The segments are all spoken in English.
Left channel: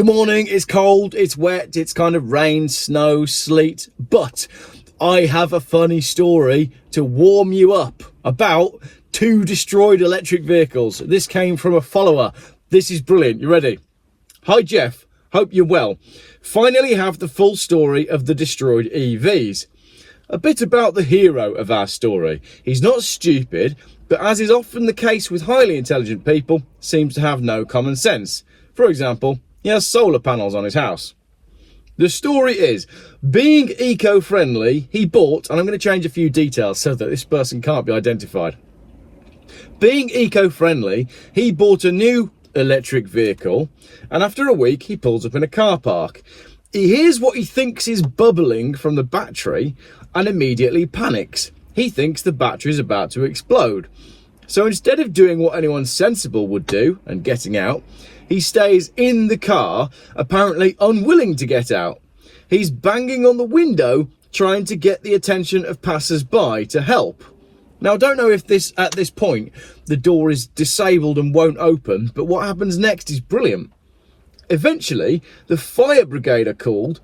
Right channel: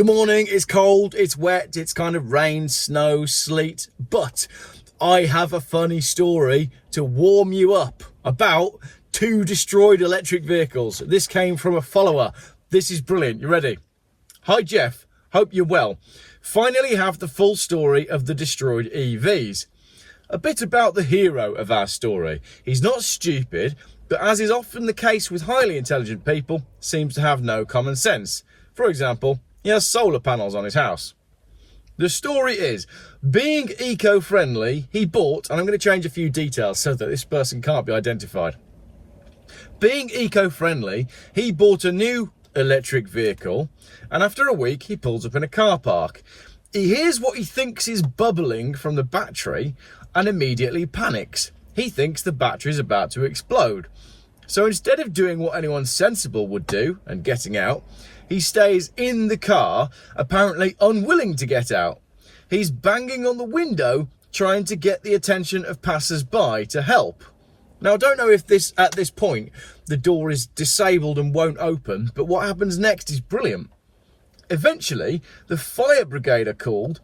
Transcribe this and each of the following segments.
Good morning, it's cold, it's wet, it's kind of rain, snow, sleet, but I have a funny story to warm you up about 2 destroyed electric vehicles. This came from a follower. This is brilliant. You ready? Hi Geoff, hope you're well. Finally have the full story of the destroyed EVs. A bit about the hero of our story. He's not stupid, but as is often the case with highly intelligent people, seems to have no common sense. For example, he has solar panels on his house. The story is, being eco-friendly, he bought, and I'm going to change a few details so that this person can't be identified. Being eco-friendly, he bought a new electric vehicle, and after a week, he pulls up in a car park. He hears what he thinks is bubbling from the battery and immediately panics. He thinks the battery is about to explode. So instead of doing what anyone sensible would do and getting out, he stays in the car, apparently unwilling to get out. He's banging on the window, trying to get the attention of passers-by to help. Now, I don't know if at this point, the door is disabled and won't open, but what happens next is brilliant. Eventually, the fire brigade are called,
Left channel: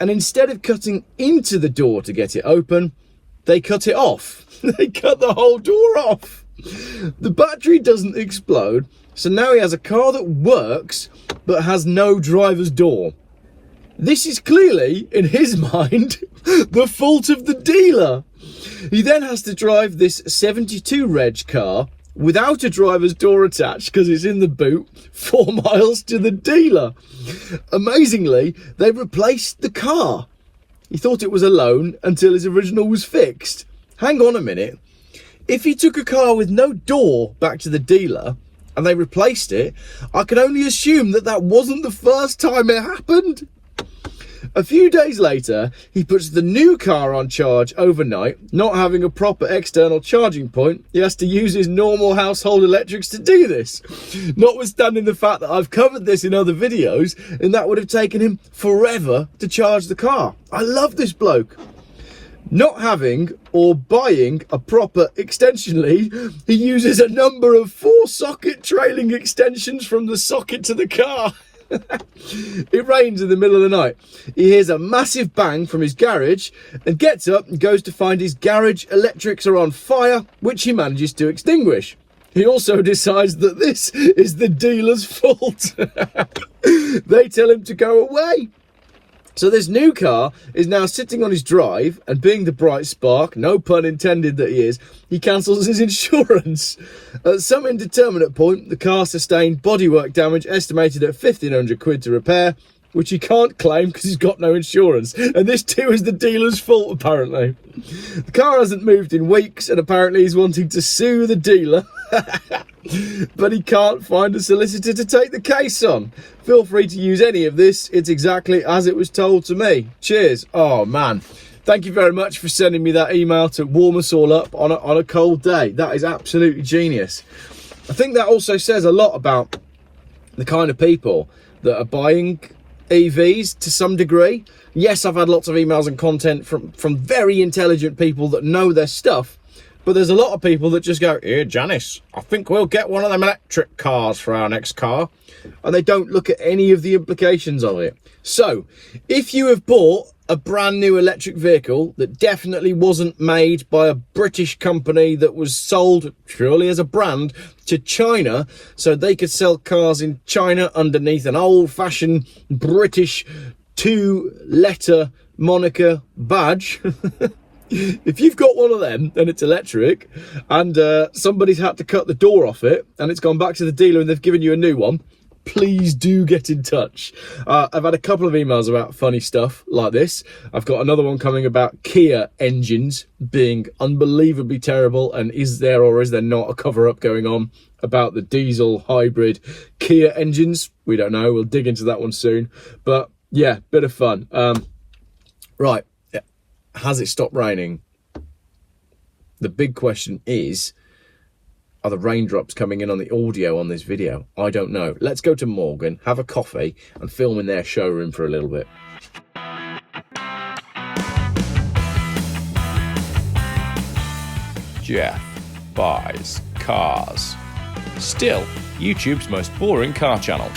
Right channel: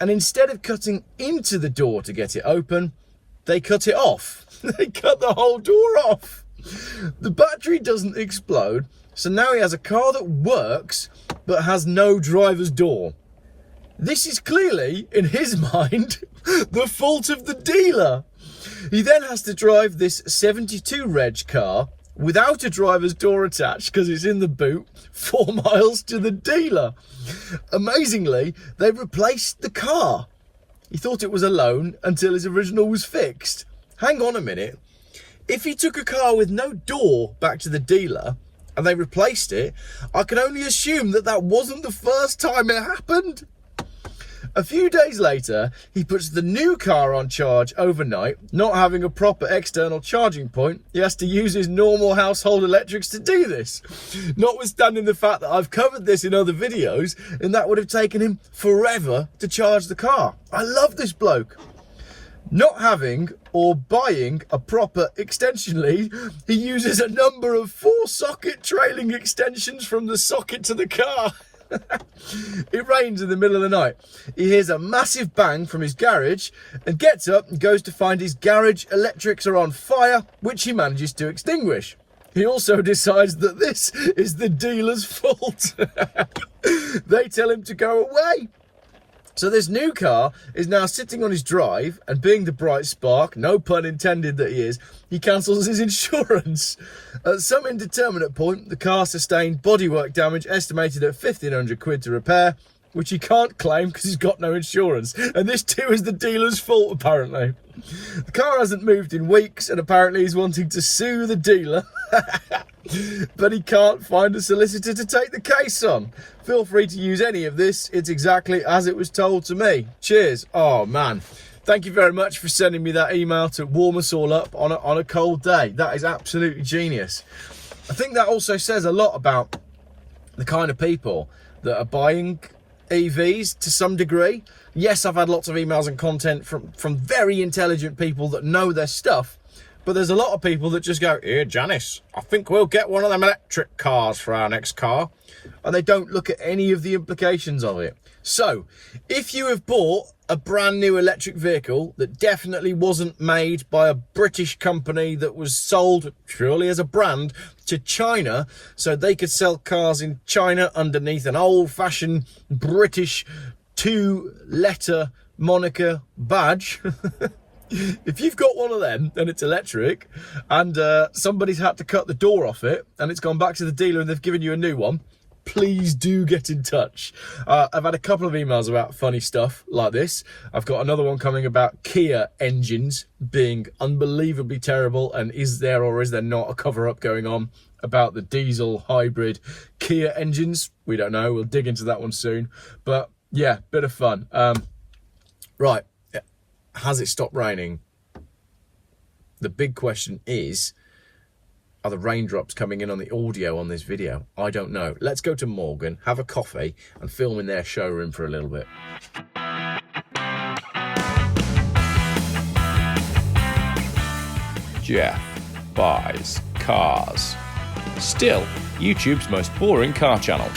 and instead of cutting into the door to get it open, they cut it off. They cut the whole door off. The battery doesn't explode, so now he has a car that works, but has no driver's door. This is clearly, in his mind, the fault of the dealer. He then has to drive this 72 reg car without a driver's door attached because it's in the boot 4 miles to the dealer. Amazingly, they replaced the car. He thought it was a loan until his original was fixed. Hang on a minute. If he took a car with no door back to the dealer and they replaced it, I can only assume that that wasn't the first time it happened. A few days later, he puts the new car on charge overnight. Not having a proper external charging point, he has to use his normal household electrics to do this. Notwithstanding the fact that I've covered this in other videos, and that would have taken him forever to charge the car. I love this bloke. Not having or buying a proper extension lead, he uses a number of 4-socket trailing extensions from the socket to the car. It rains in the middle of the night. He hears a massive bang from his garage and gets up and goes to find his garage electrics are on fire, which he manages to extinguish. He also decides that this is the dealer's fault. They tell him to go away. So this new car is now sitting on his drive, and being the bright spark, no pun intended that he is, he cancels his insurance. At some indeterminate point, the car sustained bodywork damage estimated at 1,500 quid to repair, which he can't claim because he's got no insurance. And this too is the dealer's fault, apparently. The car hasn't moved in weeks, and apparently he's wanting to sue the dealer. But he can't find a solicitor to take the case on. Feel free to use any of this. It's exactly as it was told to me. Cheers. Oh man, thank you very much for sending me that email to warm us all up on a cold day. That is absolutely genius. I think that also says a lot about the kind of people that are buying EVs to some degree. Yes, I've had lots of emails and content from very intelligent people that know their stuff. But there's a lot of people that just go, "Here, Janice, I think we'll get one of them electric cars for our next car." And they don't look at any of the implications of it. So, if you have bought a brand new electric vehicle that definitely wasn't made by a British company that was sold purely as a brand to China, so they could sell cars in China underneath an old-fashioned British 2-letter moniker badge... If you've got one of them and it's electric and somebody's had to cut the door off it and it's gone back to the dealer and they've given you a new one, please do get in touch. I've had a couple of emails about funny stuff like this. I've got another one coming about Kia engines being unbelievably terrible, and is there or is there not a cover-up going on about the diesel hybrid Kia engines? We don't know. We'll dig into that one soon. But yeah, bit of fun. Right. Has it stopped raining? The big question is, are the raindrops coming in on the audio on this video? I don't know. Let's go to Morgan, have a coffee, and film in their showroom for a little bit. Geoff buys cars. Still, YouTube's most boring car channel.